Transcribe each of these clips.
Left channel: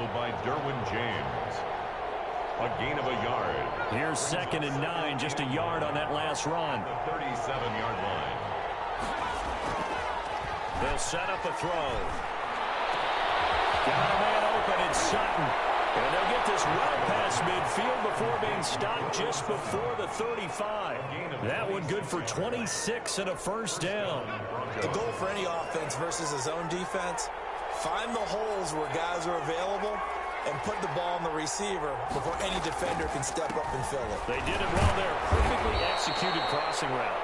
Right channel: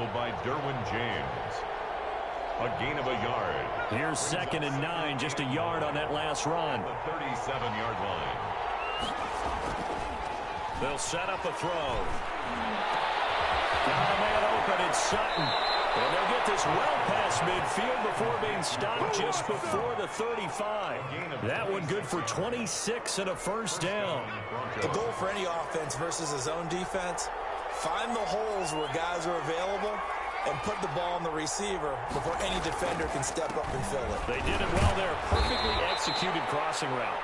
tackled by Derwin James. A gain of a yard. Here's 2nd and 9, just a yard on that last run. The 37-yard line. They'll set up a throw. Got a man open, it's Sutton. And they'll get this well past midfield before being stopped just before the 35. That one good for 26 and a first down. The goal for any offense versus a zone defense, find the holes where guys are available and put the ball on the receiver before any defender can step up and fill it. They did it well there. Perfectly executed crossing route.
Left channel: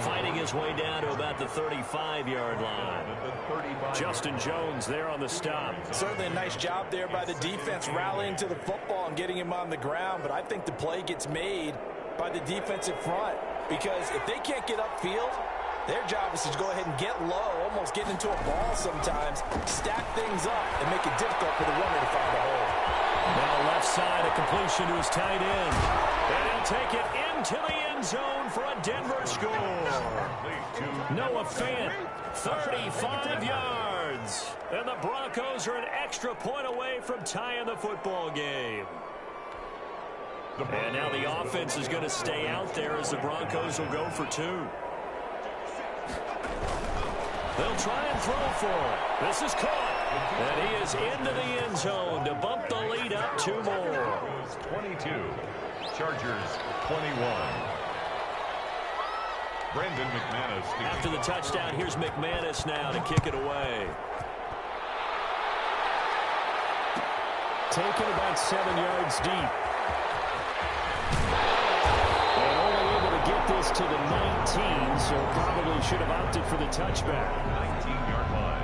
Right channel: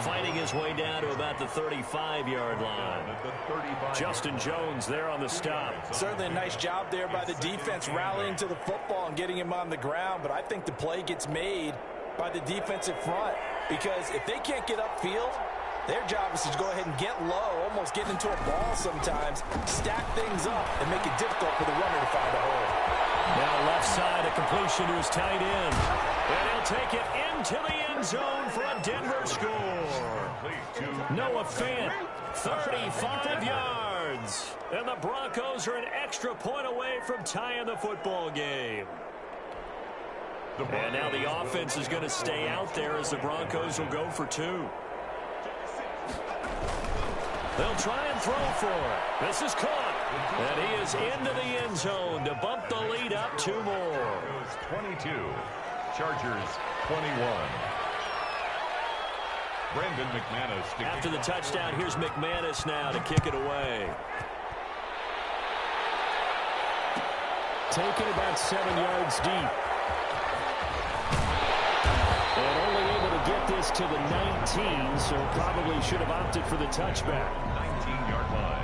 Fighting his way down to about the 35-yard line. Justin Jones there on the stop. Certainly a nice job there by the defense rallying to the football and getting him on the ground, but I think the play gets made by the defensive front because if they can't get upfield, their job is to go ahead and get low, almost get into a ball sometimes, stack things up, and make it difficult for the runner to find a hole. Now left side, a completion to his tight end. And he'll take it into the end zone for a Denver score. Noah Fant, 35 yards. And the Broncos are an extra point away from tying the football game. And now the offense is going to stay out there as the Broncos will go for 2. They'll try and throw for it. This is caught. And he is into the end zone to bump the lead up 2 more. 22. Chargers 21. Brandon McManus. After the touchdown, here's McManus now to kick it away. Taken about 7 yards deep. And only able to get this to the 19, so probably should have opted for the touchback. 19-yard line.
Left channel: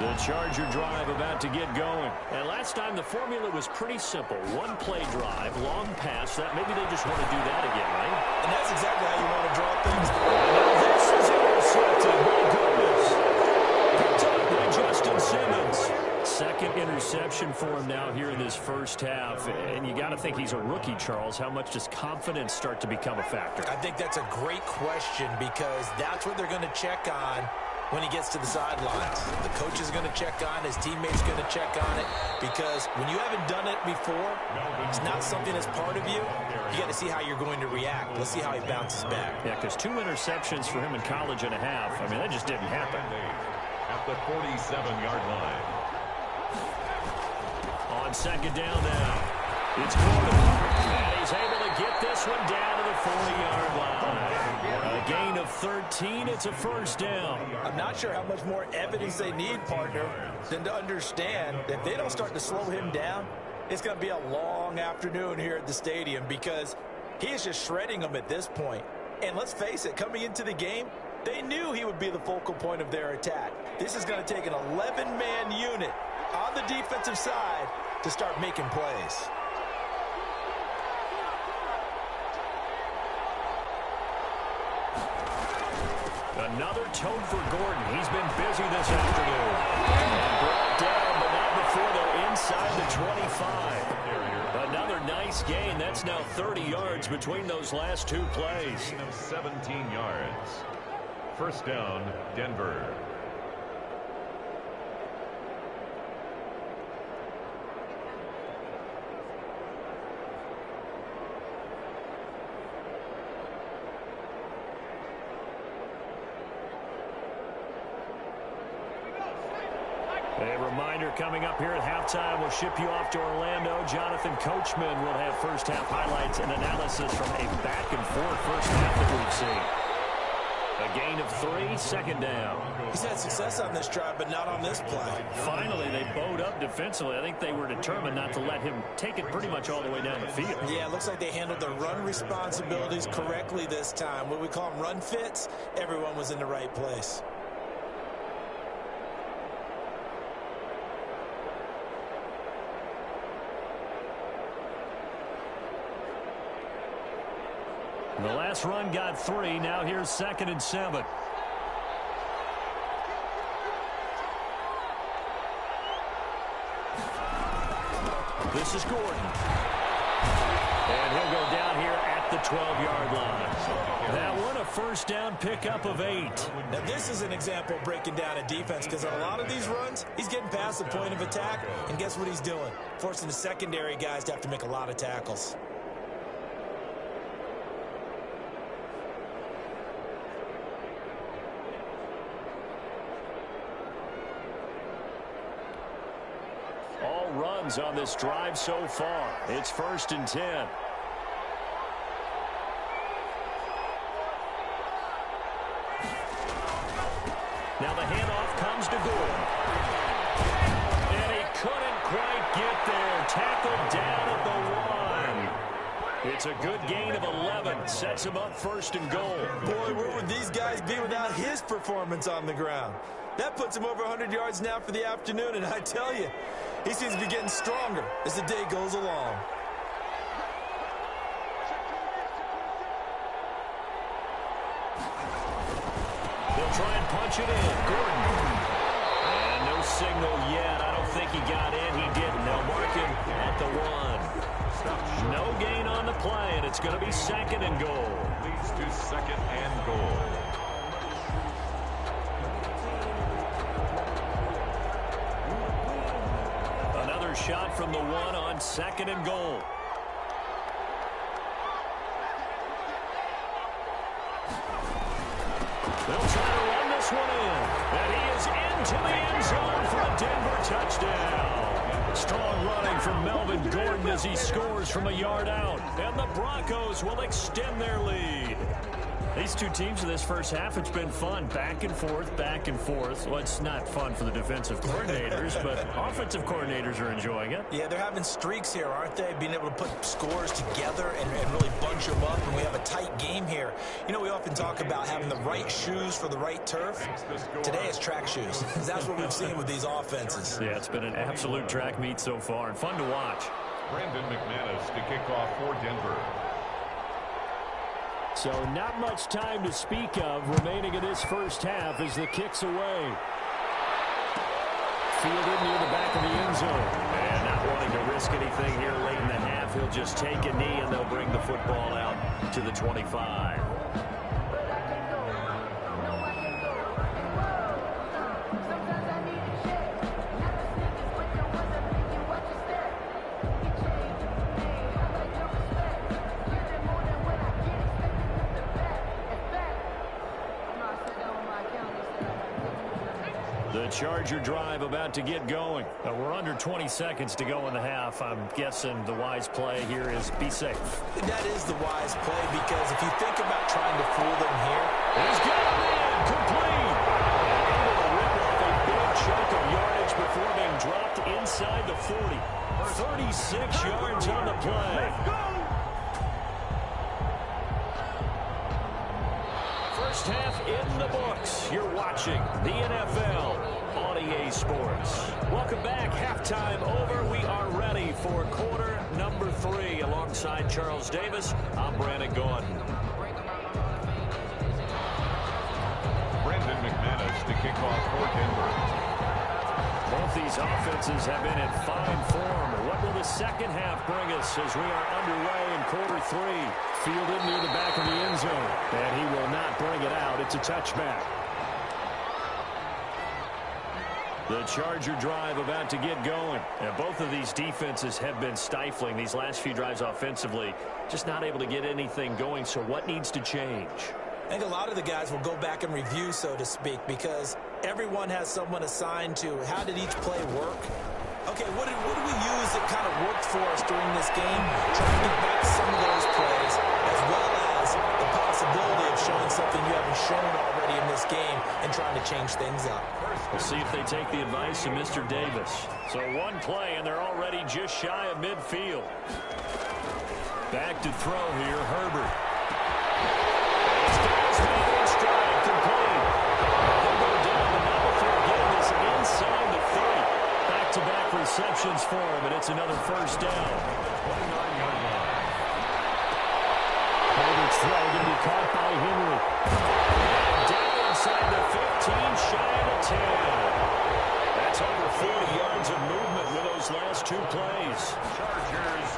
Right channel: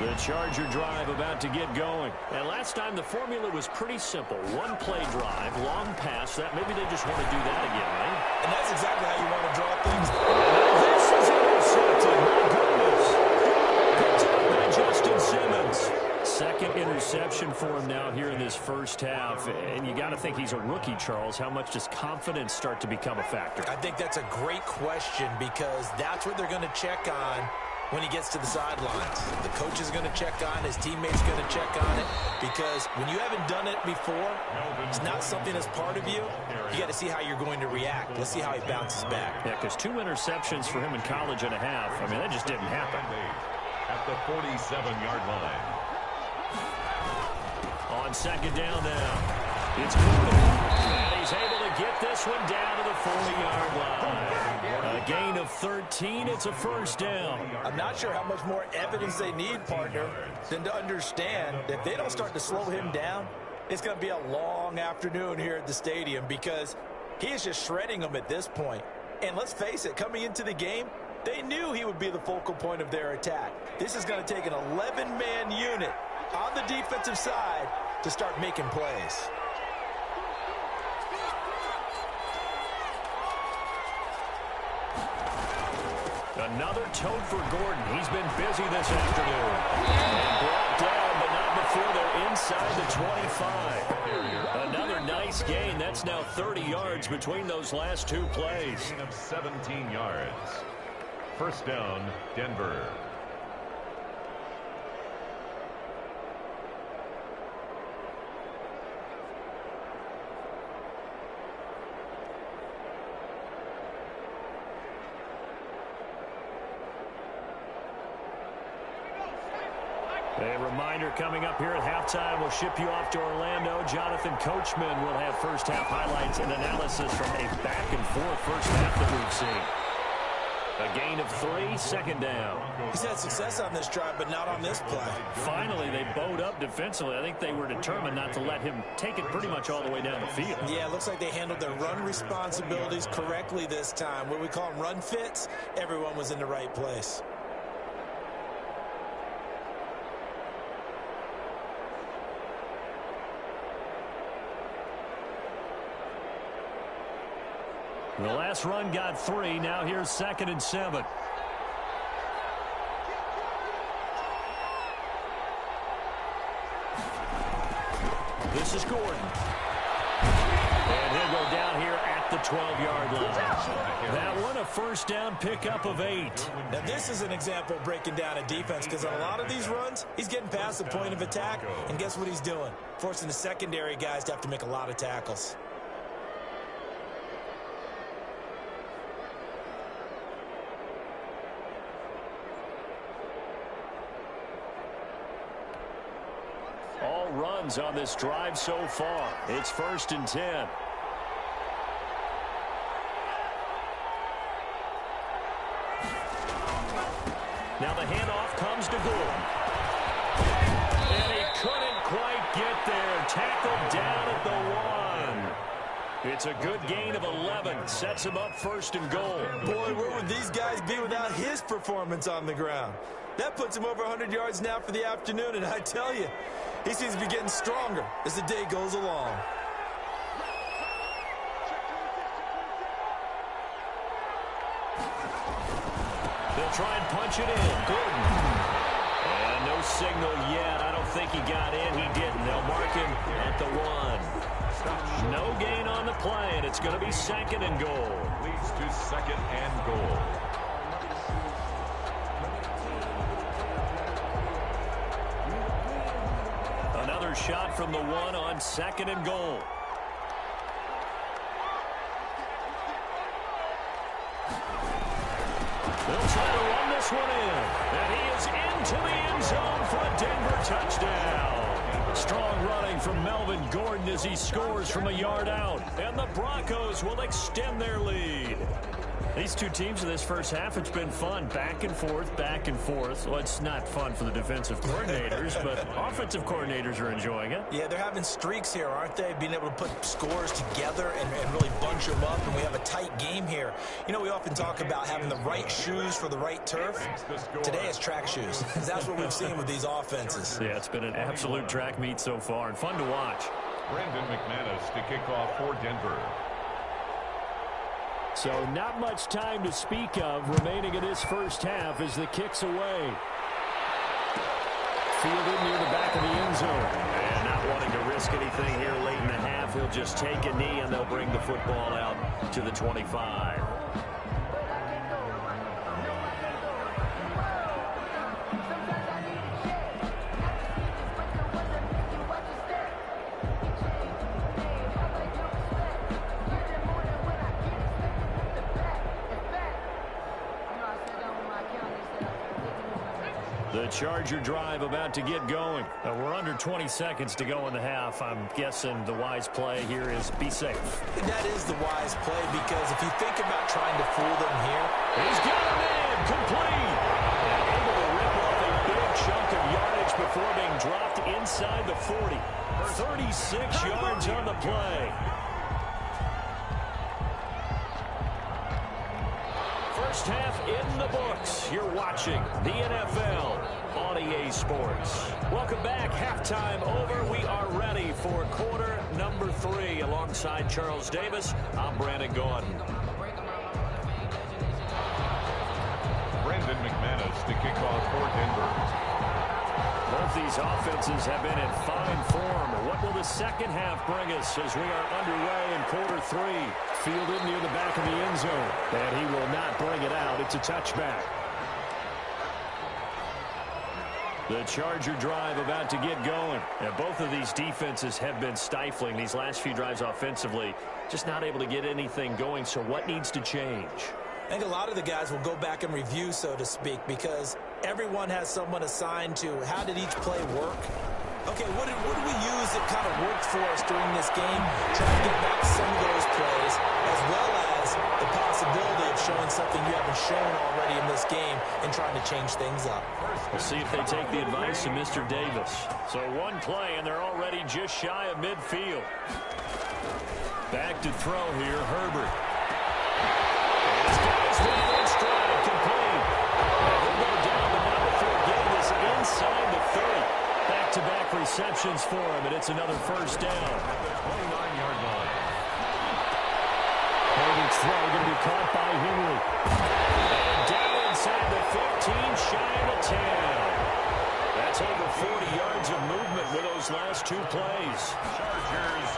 The Charger drive about to get going. And last time the formula was pretty simple. 1 play drive, long pass. That maybe they just want to do that again, right? And that's exactly how you want to draw things. Now this is intercepted. My goodness. Picked up by Justin Simmons. 2nd interception for him now here in this first half. And you got to think he's a rookie, Charles. How much does confidence start to become a factor? I think that's a great question because that's what they're going to check on when he gets to the sidelines. The coach is going to check on, his teammates going to check on it, because when you haven't done it before, it's not something that's part of you. You got to see how you're going to react. Let's see how he bounces back. Yeah, because 2 interceptions for him in college and a half. I mean, that just didn't happen. At the 47-yard line. On 2nd down now, it's Gordon. And he's able to get this one down to the 40-yard line. A gain of 13. It's a first down. I'm not sure how much more evidence they need, partner, than to understand that if they don't start to slow him down, it's going to be a long afternoon here at the stadium because he is just shredding them at this point. And let's face it, coming into the game, they knew he would be the focal point of their attack. This is going to take an 11-man unit on the defensive side to start making plays. Another tote for Gordon. He's been busy this afternoon. And brought down, but not before they're inside the 25. Another nice gain. That's now 30 yards between those last 2 plays. Gain of 17 yards. First down, Denver. A reminder coming up here at halftime. We'll ship you off to Orlando. Jonathan Coachman will have first half highlights and analysis from a back-and-forth first half that we've seen. A gain of 3, 2nd down. He's had success on this drive, but not on this play. Finally, they bowed up defensively. I think they were determined not to let him take it pretty much all the way down the field. Yeah, it looks like they handled their run responsibilities correctly this time. What we call them run fits, everyone was in the right place. The last run got 3. Now here's 2nd and 7. This is Gordon. And he'll go down here at the 12-yard line. That one a first down pickup of 8. Now, this is an example of breaking down a defense because on a lot of these runs, he's getting past the point of attack, and guess what he's doing? Forcing the secondary guys to have to make a lot of tackles. All runs on this drive so far. It's 1st and 10. Now the handoff comes to Gordon. And he couldn't quite get there. Tackled down at the 1. It's a good gain of 11. Sets him up 1st and goal. Boy, where would these guys be without his performance on the ground? That puts him over 100 yards now for the afternoon, and I tell you, he seems to be getting stronger as the day goes along. They'll try and punch it in. Gordon. And no signal yet. I don't think he got in. He didn't. They'll mark him at the 1. No gain on the play, and it's going to be 2nd and goal. Leads to 2nd and goal. Another shot from the 1 on 2nd and goal. They'll try to run this one in. And he is into the end zone for a Denver touchdown. Strong running from Melvin Gordon as he scores from a yard out. And the Broncos will extend their lead. These two teams in this first half, it's been fun. Back and forth, back and forth. Well, it's not fun for the defensive coordinators, but offensive coordinators are enjoying it. Yeah, they're having streaks here, aren't they? Being able to put scores together and really bunch them up, and we have a tight game here. You know, we often talk about having the right shoes for the right turf. Today it's track shoes. That's what we've seen with these offenses. Yeah, it's been an absolute track meet so far, and fun to watch. Brandon McManus to kick off for Denver. So not much time to speak of remaining in this first half as the kick's away. Fielded near the back of the end zone. And not wanting to risk anything here late in the half, he'll just take a knee and they'll bring the football out to the 25. The Charger drive about to get going. We're under 20 seconds to go in the half. I'm guessing the wise play here is be safe. That is the wise play because if you think about trying to fool them here. He's got him in. Complete. And able to rip off a big chunk of yardage before being dropped inside the 40. 36 yards on the play. First half in the books. You're watching the NFL on EA Sports. Welcome back. Halftime over. We are ready for quarter number 3. Alongside Charles Davis, I'm Brandon Gaudin. Brandon McManus to kick off for Denver. Both these offenses have been in fine form. What will the second half bring us as we are underway in quarter 3? Fielded near the back of the end zone. And he will not bring it out. It's a touchback. The Charger drive about to get going. And both of these defenses have been stifling these last few drives offensively. Just not able to get anything going. So what needs to change? I think a lot of the guys will go back and review, so to speak, because everyone has someone assigned to how did each play work. Okay, what did we use that kind of worked for us during this game? Try to get back some of those plays, as well as the possibility of showing something you haven't shown already in this game and trying to change things up. We'll see if they take the advice of Mr. Davis. So one play, and they're already just shy of midfield. Back to throw here, Herbert. He's got his man in stride, complete. He'll go down, but not before getting this inside the 30. Back-to-back receptions for him, and it's another first down. At the 29-yard line. Herbert's throw going to be caught by Henry. And down inside the 15, shy of the 10. That's over 40 yards of movement with those last two plays. Chargers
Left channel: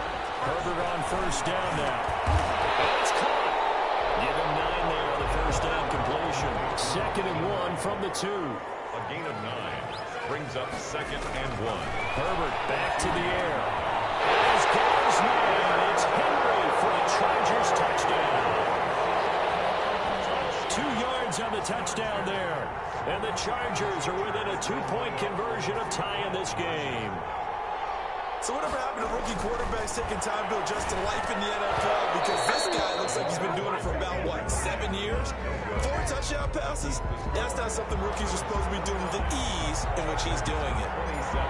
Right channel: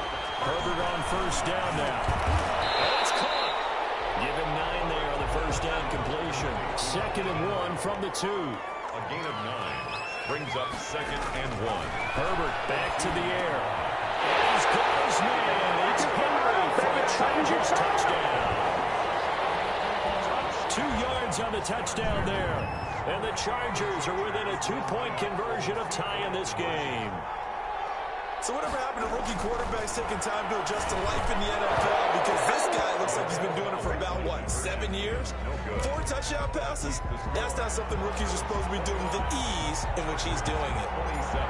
Herbert on first down now. And it's caught. Give him 9 there on the first down completion. 2nd and 1 from the 2. A gain of 9 brings up 2nd and 1. Herbert back to the air. And he's got his man. It's Henry for a Chargers touchdown. 2 yards on the touchdown there. And the Chargers are within a 2-point conversion of tying this game. So whatever happened to rookie quarterbacks taking time to adjust to life in the NFL? Because this guy looks like he's been doing it for about, 7 years? 4 touchdown passes? That's not something rookies are supposed to be doing with the ease in which he's doing it. 27.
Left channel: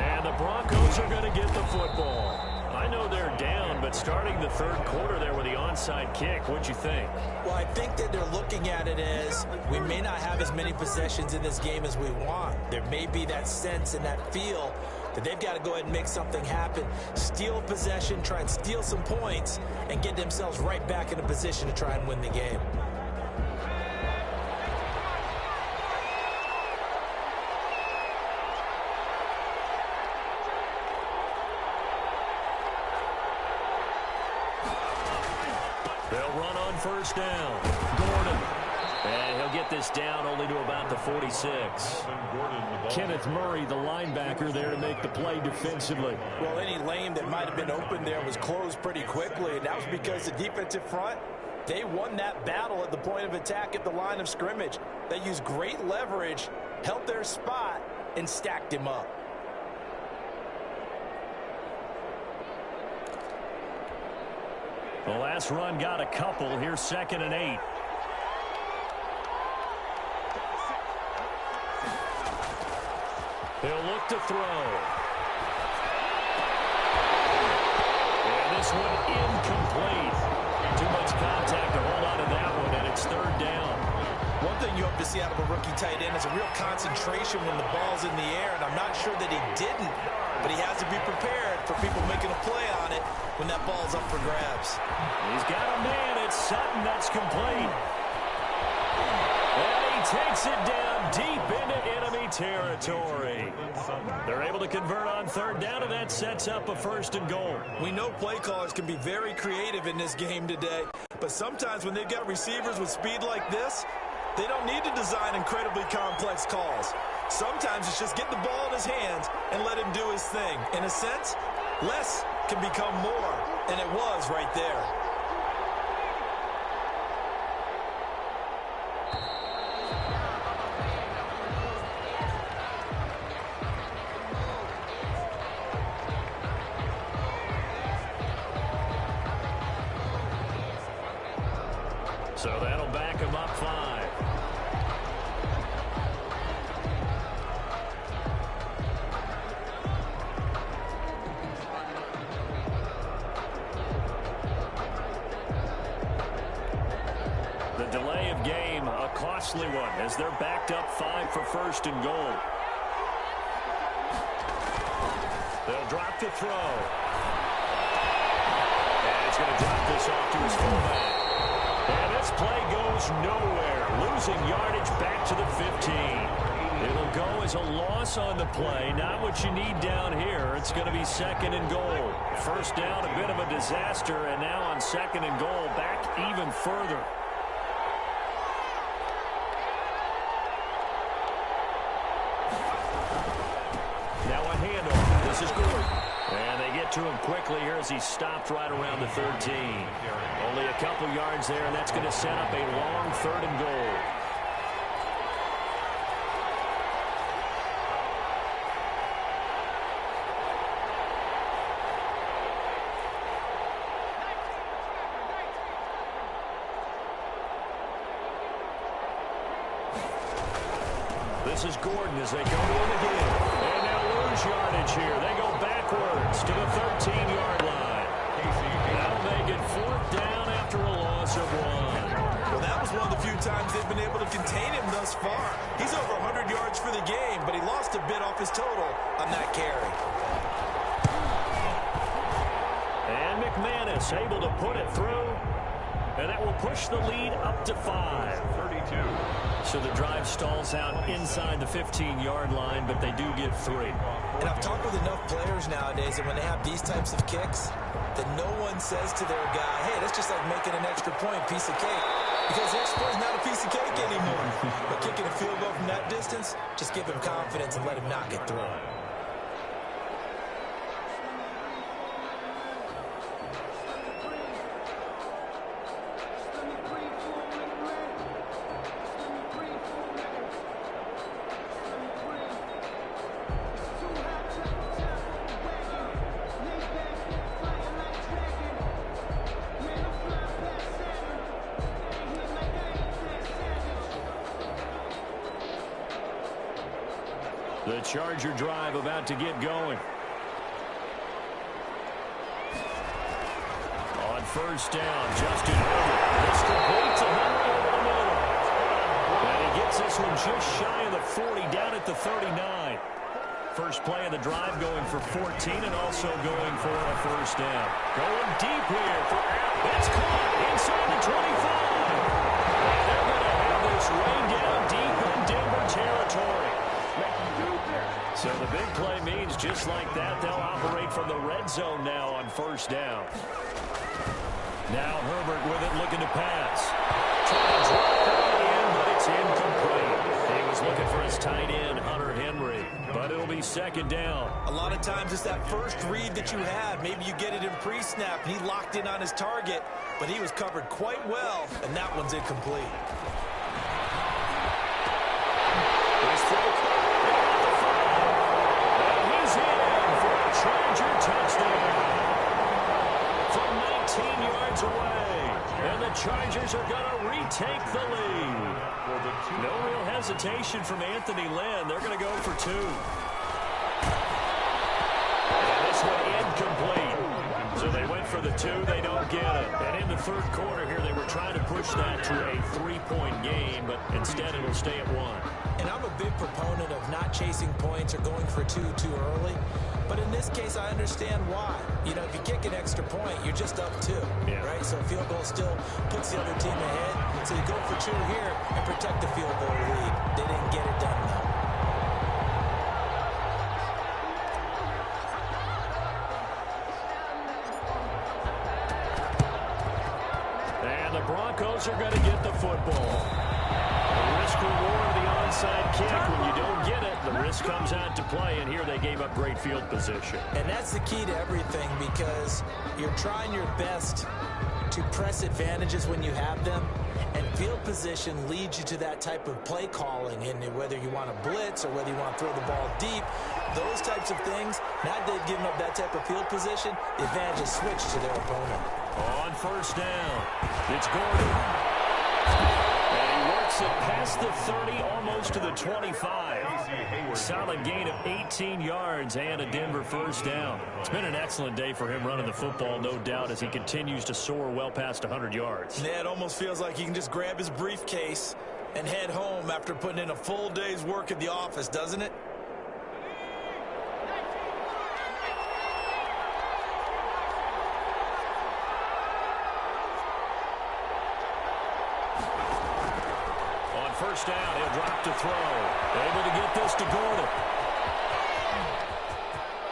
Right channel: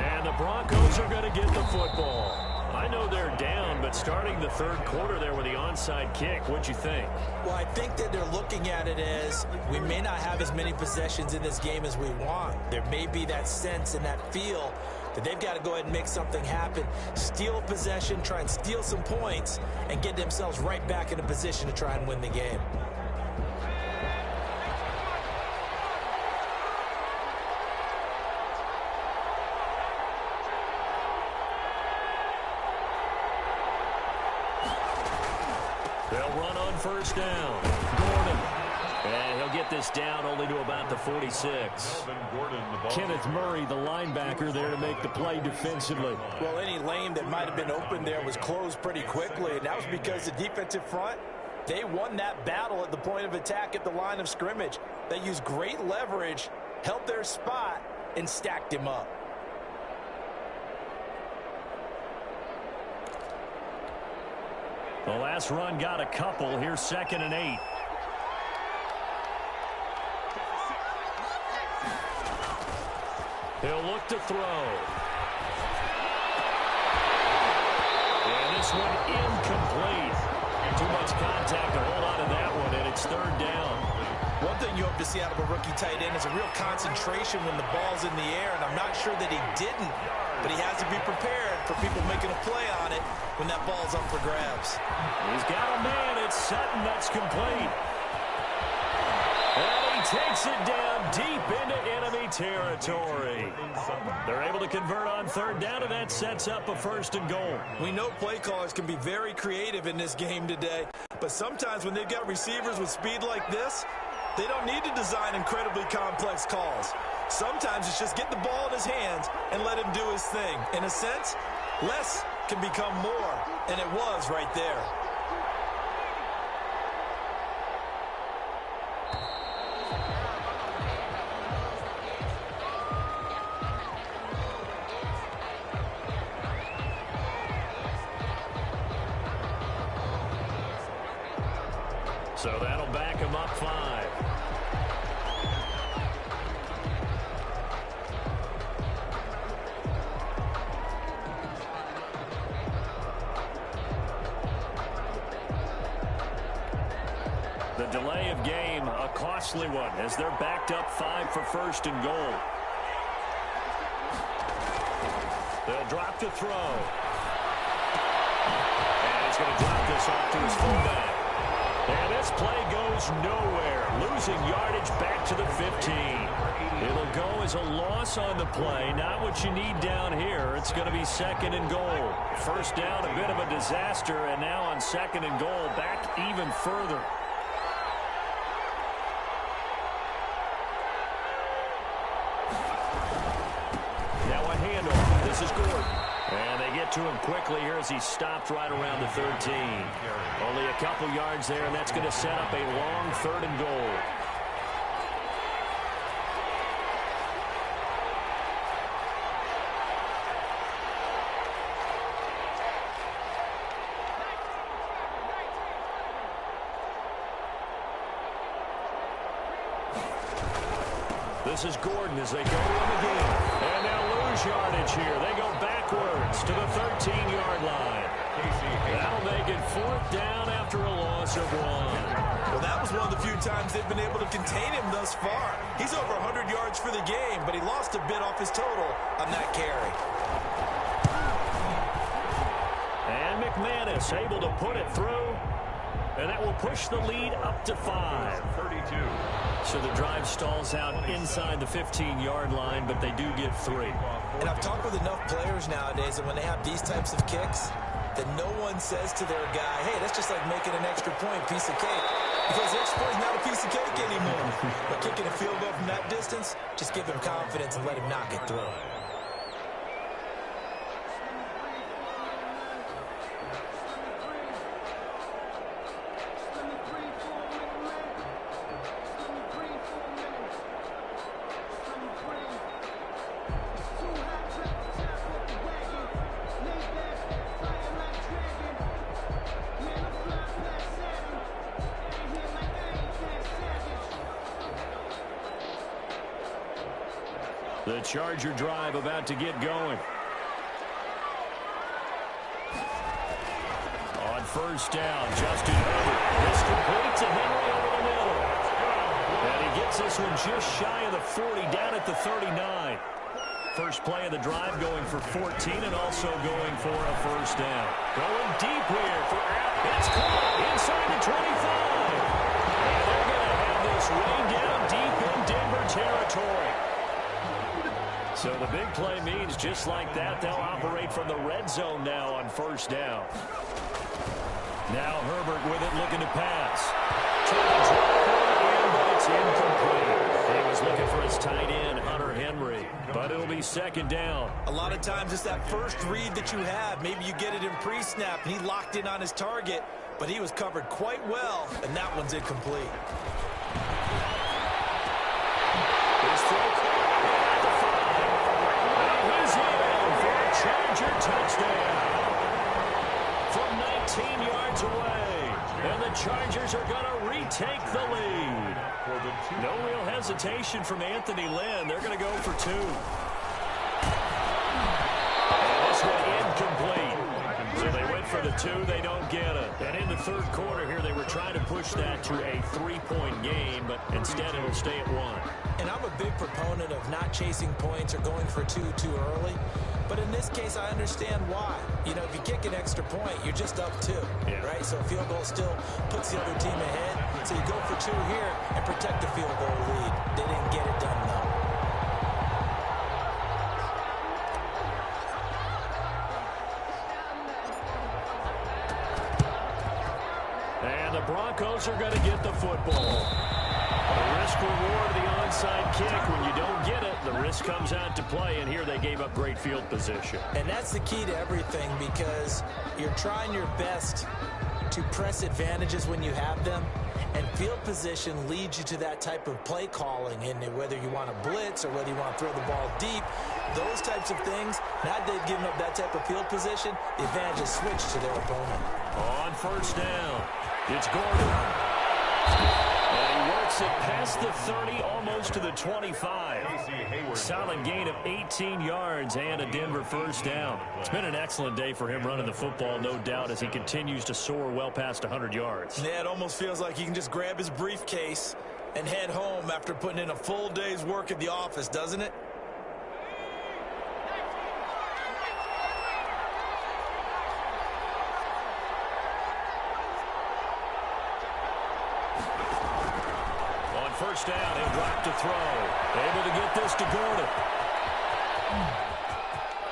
And the Broncos are going to get the football. I know they're down, but starting the 3rd quarter there with the onside kick, what'd you think? Well, I think that they're looking at it as we may not have as many possessions in this game as we want. There may be that sense and that feel that they've got to go ahead and make something happen, steal possession, try and steal some points, and get themselves right back in a position to try and win the game. They'll run on first down. Gordon. And he'll get this down only to about the 46. Kenneth Murray, the linebacker, there to make the play defensively. Well, any lane that might have been open there was closed pretty quickly, and that was because the defensive front, they won that battle at the point of attack at the line of scrimmage. They used great leverage, held their spot, and stacked him up. The last run got a couple. Here's 2nd and 8. He'll look to throw. And this one incomplete. Too much contact to hold on to that one, and it's 3rd down. One thing you hope to see out of a rookie tight end is a real concentration when the ball's in the air, and I'm not sure that he didn't, but he has to be prepared for people making a play on it when that ball's up for grabs. He's got a man. It's Sutton. That's complete. And he takes it down deep into enemy territory. They're able to convert on 3rd down, and that sets up a 1st and goal. We know play callers can be very creative in this game today, but sometimes when they've got receivers with speed like this, they don't need to design incredibly complex calls. Sometimes it's just get the ball in his hands and let him do his thing. In a sense, less can become more, and it was right there. So that'll back him up 5. The delay of game, a costly one, as they're backed up 5 for 1st and goal. They'll drop to throw. And he's going to drop this off to his fullback. And this play goes nowhere, losing yardage back to the 15. It'll go as a loss on the play, not what you need down here. It's going to be 2nd and goal. 1st down, a bit of a disaster, and now on 2nd and goal, back even further. Now a handoff. This is Gordon. And they get to him quickly here as he stopped right around the 13. Only a couple yards there, and that's going to set up a long 3rd and goal. This is Gordon as they go to him again. And they'll lose yardage here. They go backwards to the 13-yard line. That'll make it 4th down after a loss of 1. Well, that was one of the few times they've been able to contain him thus far. He's over 100 yards for the game, but he lost a bit off his total on that carry. And McManus able to put it through. And that will push the lead up to 5. 32. So the drive stalls out inside the 15-yard line, but they do get 3. And I've talked with enough players nowadays that when they have these types of kicks, that no one says to their guy, hey, that's just like making an extra point, piece of cake. Because the extra point is not a piece of cake anymore. But kicking a field goal from that distance, just give him confidence and let him knock it through. The Charger drive about to get going. On first down, Justin Herbert. This complete to Henry over the middle. And he gets this one just shy of the 40, down at the 39. First play of the drive going for 14 and also going for a first down. Going deep here for Allen. It's caught inside the 25. And they're going to have this way down deep in Denver territory. So the big play means just like that, they'll operate from the red zone now on first down. Now Herbert with it, looking to pass. Trying to drop one in, but it's incomplete. He was looking for his tight end, Hunter Henry, but it'll be second down. A lot of times it's that first read that you have. Maybe you get it in pre-snap, and he locked in on his target, but he was covered quite well, and that one's incomplete. His throw caught at the 5. And he's in for a Charger touchdown from 19 yards away. And the Chargers are going to retake the lead. No real hesitation from Anthony Lynn. They're going to go for 2. And this one incomplete. So they went for the 2. They don't get it. And in the third quarter here, they were trying to push that to a 3-point game, but instead it'll stay at 1. And I'm a big proponent of not chasing points or going for 2 too early. But in this case, I understand why. You know, if you kick an extra point, you're just up 2, right? So a field goal still puts the other team ahead. So you go for 2 here and protect the field goal lead. They didn't get it done, though. And the Broncos are going to get the football. The risk-reward of the onside kick. When you don't get it, the risk comes out to play, and here they gave up great field position. And that's the key to everything, because you're trying your best to press advantages when you have them, and field position leads you to that type of play calling, and whether you want to blitz or whether you want to throw the ball deep, those types of things, now they've given up that type of field position, the advantage is switched to their opponent. On first down, it's Gordon. And he works it past the 30, almost to the 25. Solid gain of 18 yards and a Denver first down. It's been an excellent day for him running the football, no doubt, as he continues to soar well past 100 yards. Yeah, it almost feels like he can just grab his briefcase and head home after putting in a full day's work at the office, doesn't it? First down, he'll drop to throw. Able to get this to Gordon.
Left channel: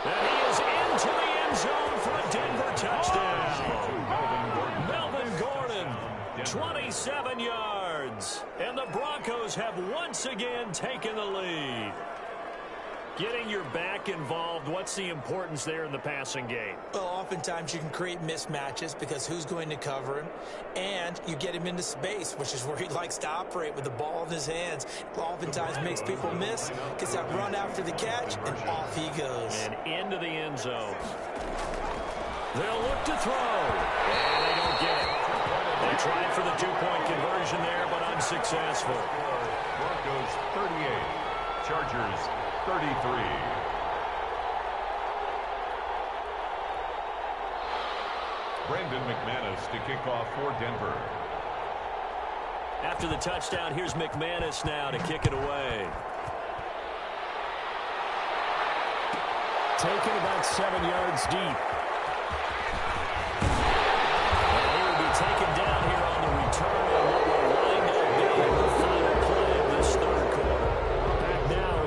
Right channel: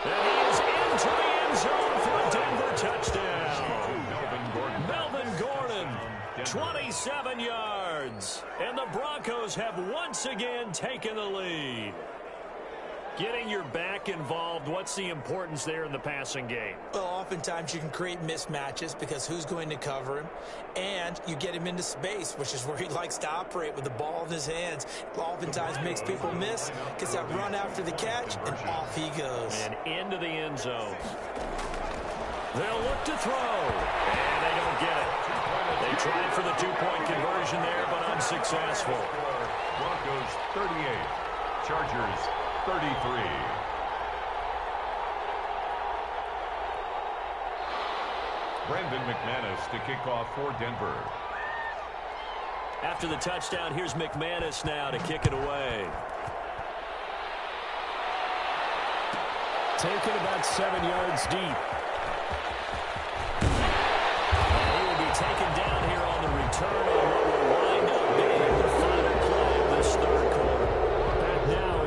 And he is into the end zone for a Denver touchdown. Melvin Gordon, 27 yards. And the Broncos have once again taken the lead. Getting your back involved, what's the importance there in the passing game? Well, oftentimes you can create mismatches because who's going to cover him, and you get him into space, which is where he likes to operate with the ball in his hands. Oftentimes makes people miss, gets that run after the catch, and off he goes. And into the end zone. They'll look to throw, and they don't get it. They tried for the two-point conversion there, but unsuccessful. Broncos 38, Chargers 33. Brandon McManus to kick off for Denver. After the touchdown, here's McManus now to kick it away. Taken about 7 yards deep. And he will be taken down here on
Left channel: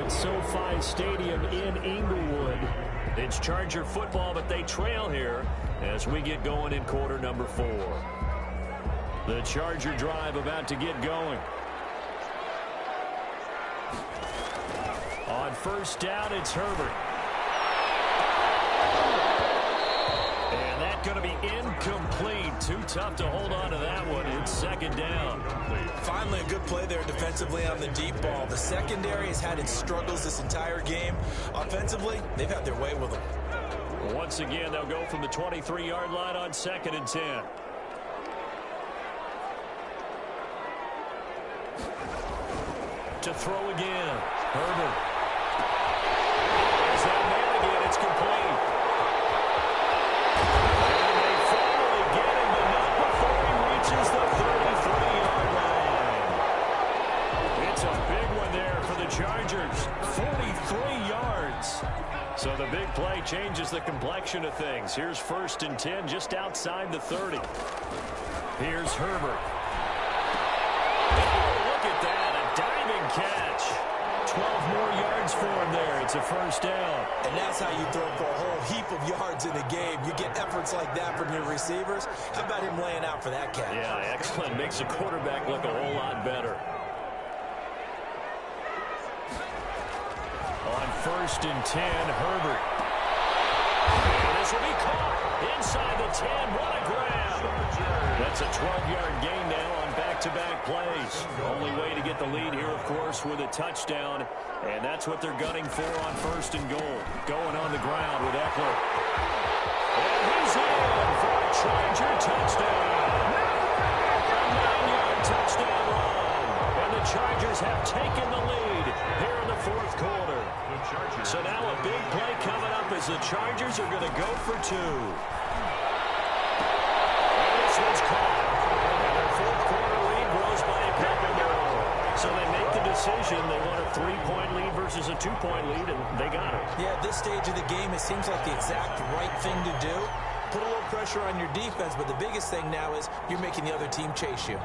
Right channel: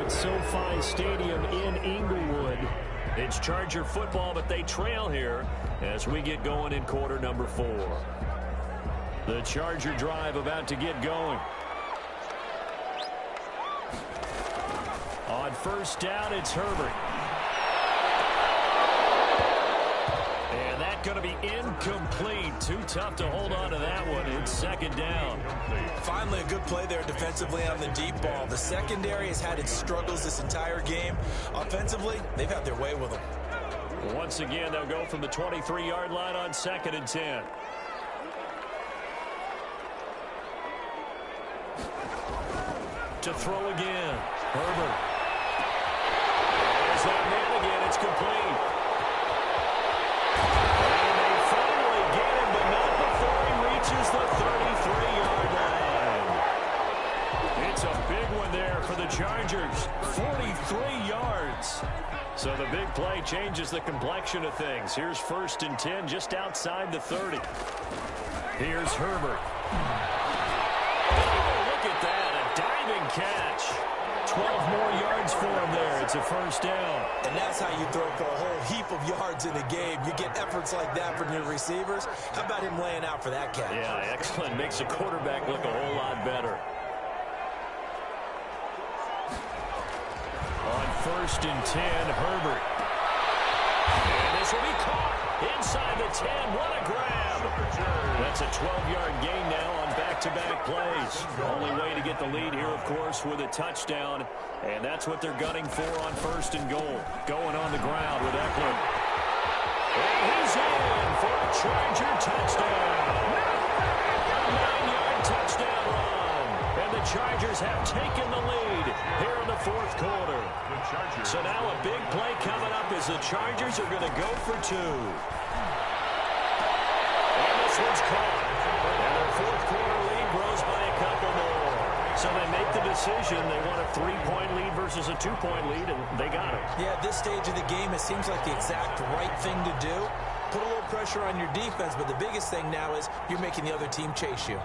at SoFi Stadium in Inglewood. It's Charger football, but they trail here as we get going in quarter number 4. The Charger drive about to get going. On first down, it's Herbert. And that's going to be incomplete. Too tough to hold on to that one. It's second down. Finally, a good play there defensively on the deep ball. The secondary has had its struggles this entire game. Offensively, they've had their way with them. Once again, they'll go from the 23-yard line on 2nd and 10. To throw again. Herbert. There's that man again. It's complete. And they finally get him, but not before he reaches the 33-yard line. It's a big one there for the Chargers. 43 yards. So the big play changes the complexion of things. Here's 1st and 10 just outside the 30. Here's Herbert. Oh, look at that. A diving catch. 12 more yards for him there. It's a first down. And that's how you throw for a whole heap of yards in the game. You get efforts like that from your receivers. How about him laying out for that catch? Yeah, excellent. Makes the quarterback look a whole lot better. On 1st and 10, Herbert. And this will be caught inside the 10. What a grab. That's a 12-yard gain now on back-to-back plays. Only way to get the lead here, of course, with a touchdown. And that's what they're gunning for on 1st and goal. Going on the ground with Eckler. And he's in for a Charger touchdown. A 9-yard touchdown run. And the Chargers have taken the lead here in the 4th quarter. So now a big play coming up as the Chargers are going to go for 2. And this one's caught. And their 4th quarter lead grows by a couple more. So they make the decision. They want a 3-point lead versus a 2-point lead, and they got it. Yeah, at this stage of the game, it seems like the exact right thing to do. Put a little pressure on your defense, but the biggest thing now is you're making the other team chase you.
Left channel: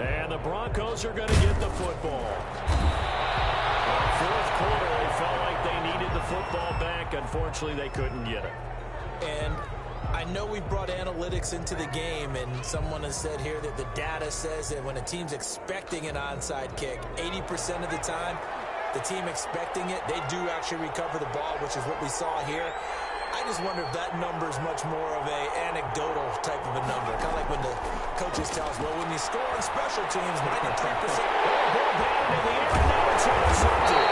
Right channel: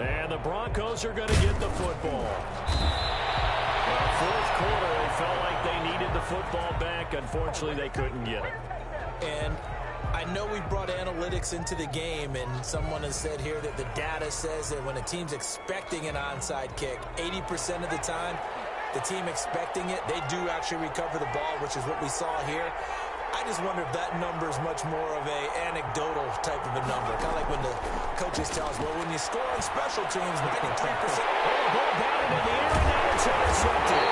And the Broncos are going to get the football. Well, 4th quarter, they felt like they needed the football back. Unfortunately, they couldn't get it. And I know we brought analytics into the game, and someone has said here that the data says that when a team's expecting an onside kick, 80% of the time, the team expecting it, they do actually recover the ball, which is what we saw here. I just wonder if that number is much more of a anecdotal type of a number. Kind of like when the coaches tell us, well, when you score on special teams, 93%. Ball batted in the air, and now it's intercepted.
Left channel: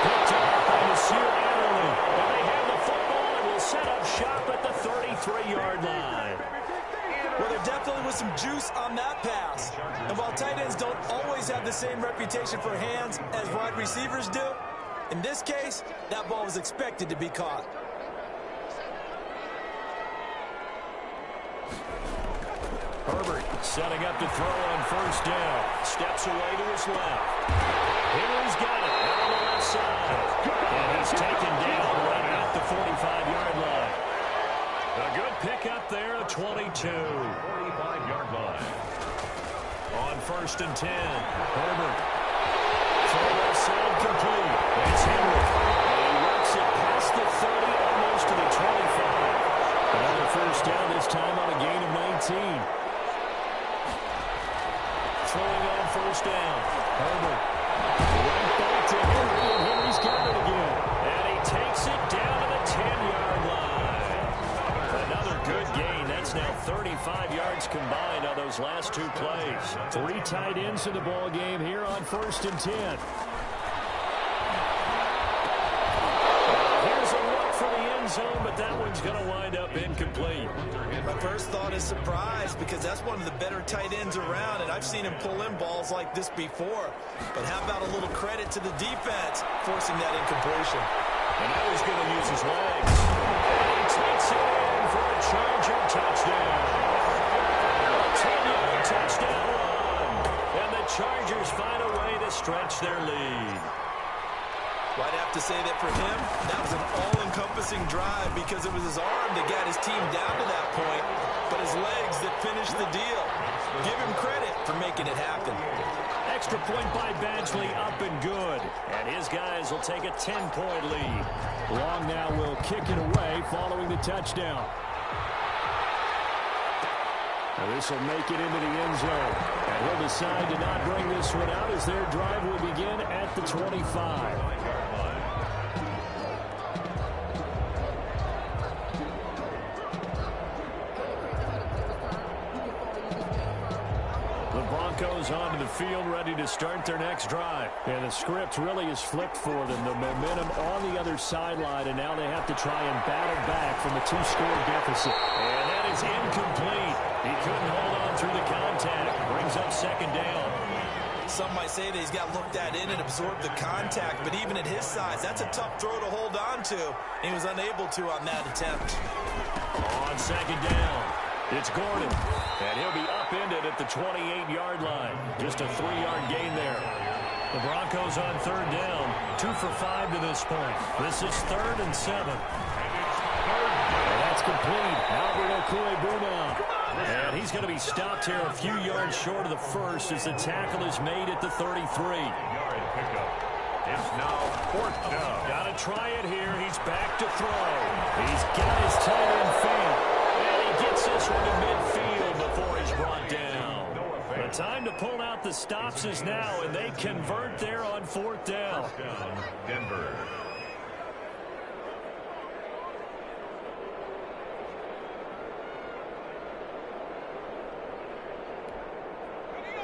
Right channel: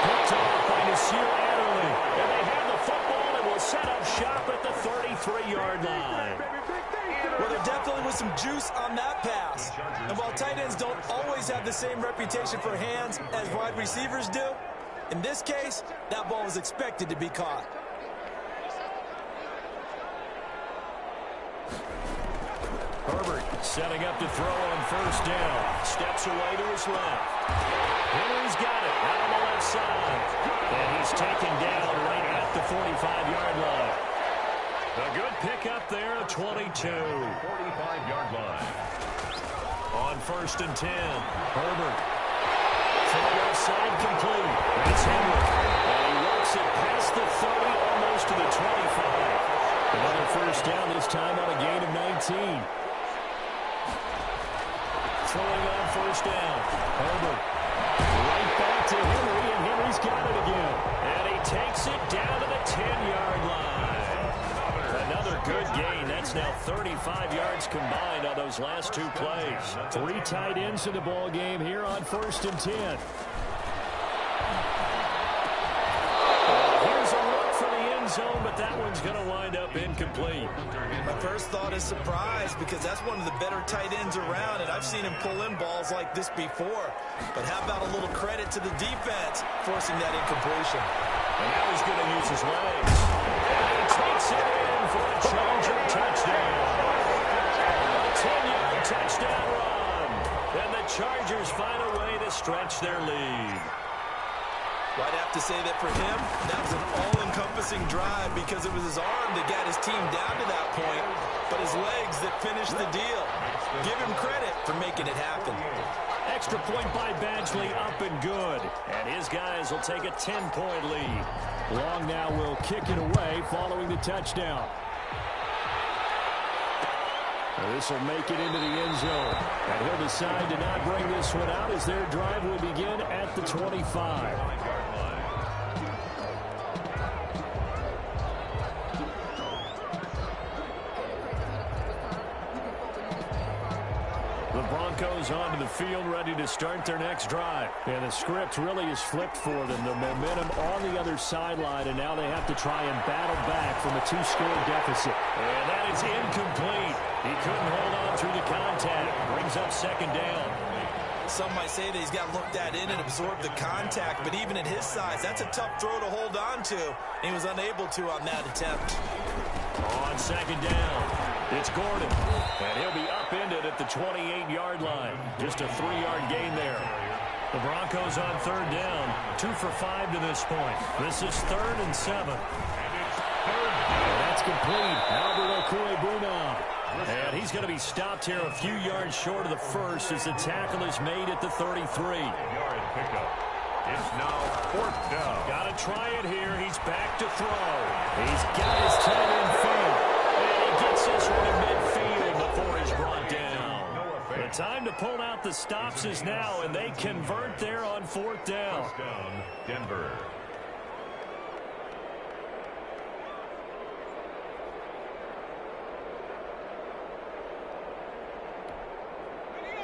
Picked off by Nasir Adderley. And they have the football and will set up shop at the 33-yard line. Well, there definitely was some juice on that pass. And while tight ends don't always have the same reputation for hands as wide receivers do, in this case, that ball was expected to be caught. Herbert setting up to throw on 1st down. Steps away to his left. Henry's got it out on the left side. And he's taken down right at the 45-yard line. A good pickup there at 22. 45-yard line. On 1st and 10, Herbert. Throw left side complete. That's Henry. And he works it past the 30, almost to the 25. Another first down, this time on a gain of 19. Throwing on 1st down. Herbert. Right back to Henry, and Henry's got it again. And he takes it down to the 10-yard line. Another good gain. That's now 35 yards combined on those last 2 plays. 3 tight ends in the ball game here on 1st and 10. Here's a look for the end zone, but that one's going to wind up incomplete. My first thought is surprise, because that's one of the better tight ends around, and I've seen him pull in balls like this before. But how about a little credit to the defense forcing that incompletion? And now he's going to use his legs. And he takes it in for a Charger touchdown. A 10-yard touchdown run. And the Chargers find a way to stretch their lead. Well, I'd have to say that for him, that was an all-encompassing drive because it was his arm that got his team down to that point, but his legs that finished the deal. Give him credit for making it happen. Extra point by Badgley, up and good. And his guys will take a 10-point lead. Long now will kick it away following the touchdown. Now this will make it into the end zone. And he'll decide to not bring this one out as their drive will begin at the 25. The Broncos onto the field ready to start their next drive. And the script really is flipped for them. The momentum on the other sideline, and now they have to try and battle back from a 2-score deficit. And that is incomplete. He couldn't hold on through the contact. Brings up second down. Some might say that he's got looked at in and absorbed the contact, but even at his size, that's a tough throw to hold on to. He was unable to on that attempt. On second down, it's Gordon, and he'll be upended at the 28-yard line. Just a 3-yard gain there. The Broncos on third down, 2 for 5 to this point. This is 3rd and 7. And that's complete. Albert Okwuegbunam. And he's going to be stopped here a few yards short of the first as the tackle is made at the 33. Yard pickup. It's now 4th down. Got to try it here. He's back to throw. He's got his tight end fan. And he gets this one to midfield before he's brought down. The time to pull out the stops is now, and they convert there on 4th down. First down, Denver.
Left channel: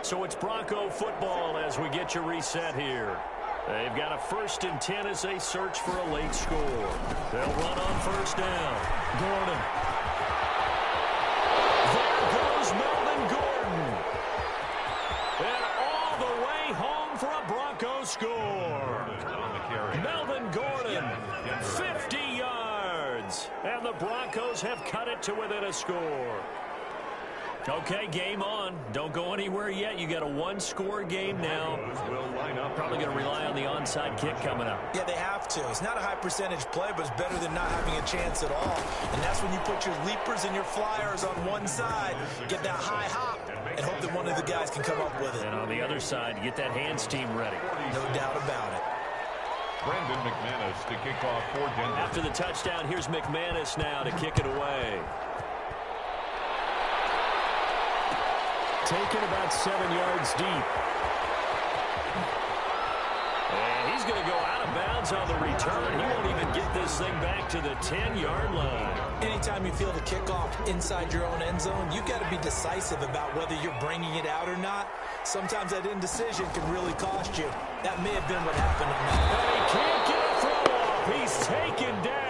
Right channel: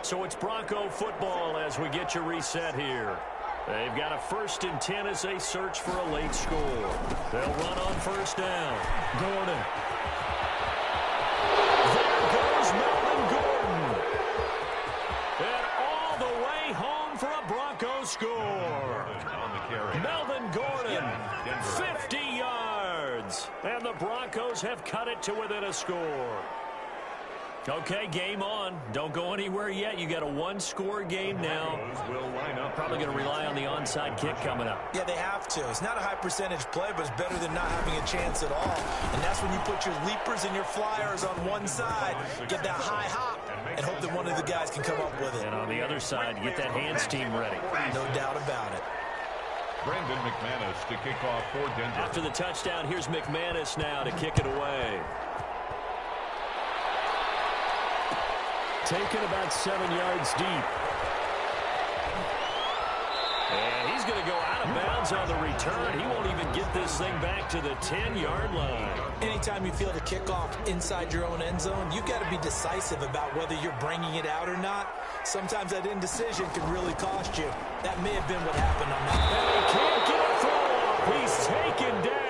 So it's Bronco football as we get you reset here. They've got a 1st and 10 as they search for a late score. They'll run on 1st down. Gordon. There goes Melvin Gordon. And all the way home for a Bronco score. Melvin Gordon, 50 yards. And the Broncos have cut it to within a score. Okay, game on. Don't go anywhere yet. You got a 1-score game now. Probably going to rely on the onside kick coming up. Yeah, they have to. It's not a high percentage play, but it's better than not having a chance at all. And that's when you put your leapers and your flyers on one side, get that high hop, and hope that one of the guys can come up with it. And on the other side, get that hands team ready. No doubt about it. Brandon McManus to kick off for Denver. After the touchdown, here's McManus now to kick it away. Taken about 7 yards deep. And he's going to go out of bounds on the return. He won't even get this thing back to the 10-yard line. Anytime you feel the kickoff inside your own end zone, you've got to be decisive about whether you're bringing it out or not. Sometimes that indecision can really cost you. That may have been what happened on that. And he can't get a throw off. He's taken down.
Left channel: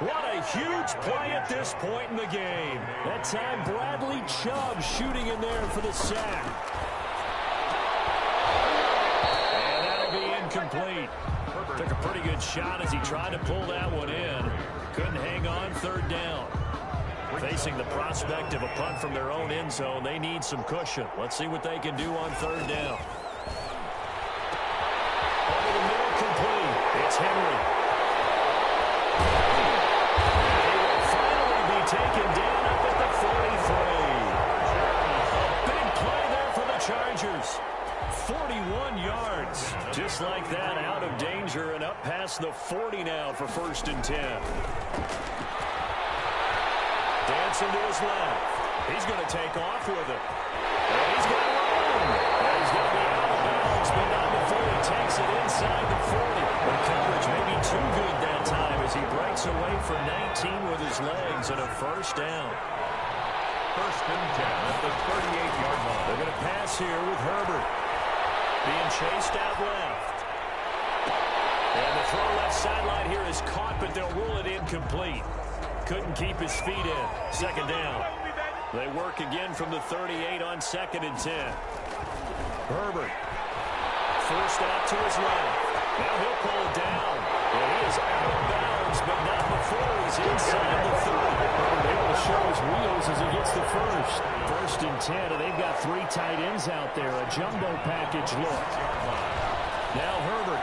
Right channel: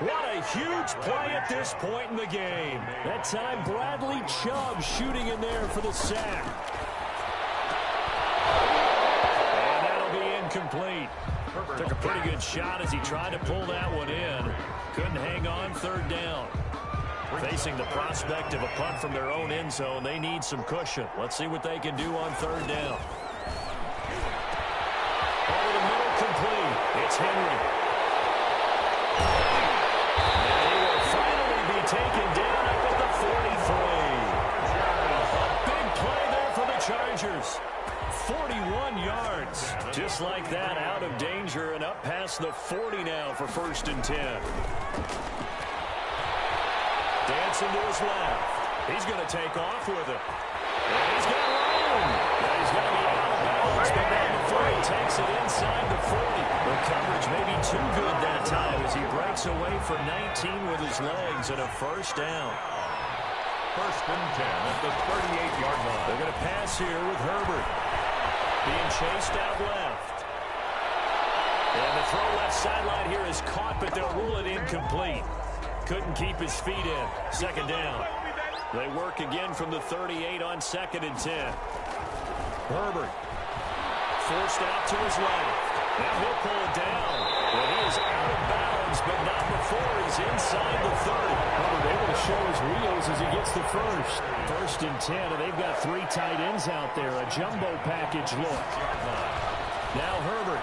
What a huge play at this point in the game. That time, Bradley Chubb shooting in there for the sack. And that'll be incomplete. Took a pretty good shot as he tried to pull that one in. Couldn't hang on 3rd down. Facing the prospect of a punt from their own end zone, they need some cushion. Let's see what they can do on 3rd down. Over the middle, complete. It's Henry. Taken down up at the 43. A big play there for the Chargers. 41 yards. Just like that, out of danger and up past the 40 now for 1st and 10. Dancing to his left. He's going to take off with it. And he's got room. Yeah, he's going to be out of bounds, but not before he takes it inside the 40. The coverage may be too good that time as he breaks away for 19 with his legs and a 1st down. 1st and 10 at the 38-yard line. They're going to pass here with Herbert. Being chased out left. And the throw left sideline here is caught, but they'll rule it incomplete. Couldn't keep his feet in. 2nd down. They work again from the 38 on 2nd and 10. Herbert forced out to his left. Now he'll pull it down. And he is out of bounds, but not before he's inside the 30. Herbert able to show his wheels as he gets the first. 1st and 10, and they've got 3 tight ends out there. A jumbo package look. Now Herbert.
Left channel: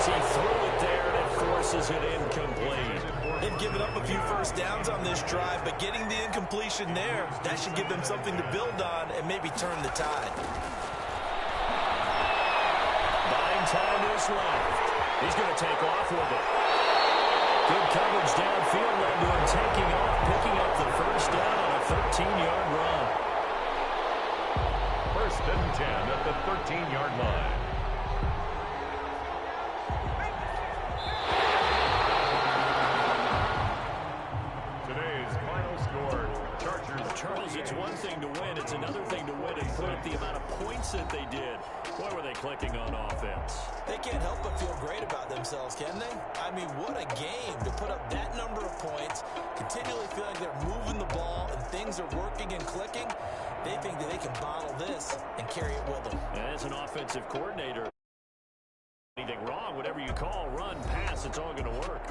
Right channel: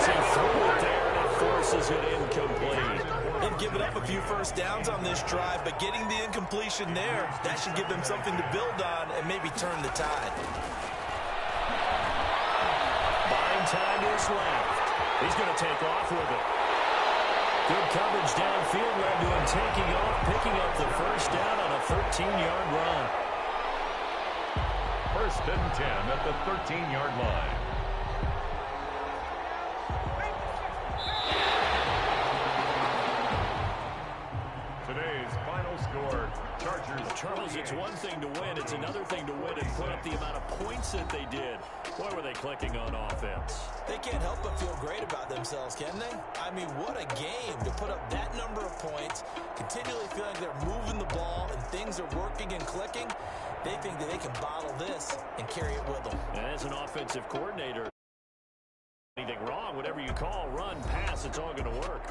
as he threw it there, and it forces it incomplete. They've given up a few first downs on this drive, but getting the incompletion there, that should give them something to build on and maybe turn the tide. Buying time is left. He's going to take off with it. Good coverage downfield led to him taking off, picking up the first down on a 13-yard run. First and 10 at the 13-yard line. Today's final score, Chargers. Charles, it's one thing to win. It's another thing to win and put up the amount of points that they did. Boy, were they clicking on offense. They can't help but feel great about themselves, can they? I mean, what a game to put up that number of points, continually feel like they're moving the ball and things are working and clicking. They think that they can bottle this and carry it with them. And as an offensive coordinator, anything wrong, whatever you call, run, pass, it's all going to work.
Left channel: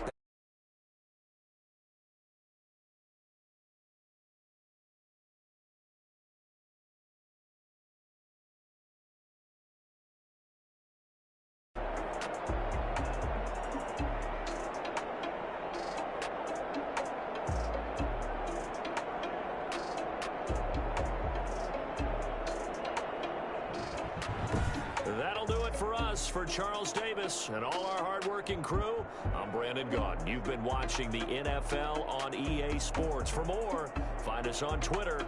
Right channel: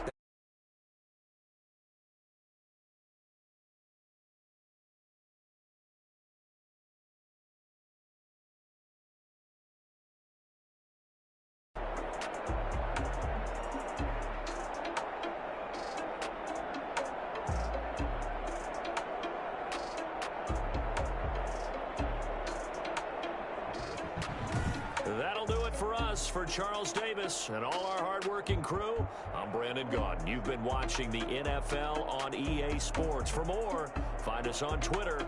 That'll do it for us. For Charles Davis and all our hardworking crew, I'm Brandon Gaudin. You've been watching the NFL on EA Sports. For more, find us on Twitter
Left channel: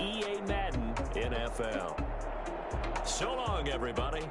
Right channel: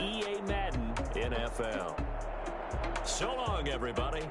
@EA Madden NFL. So long, everybody.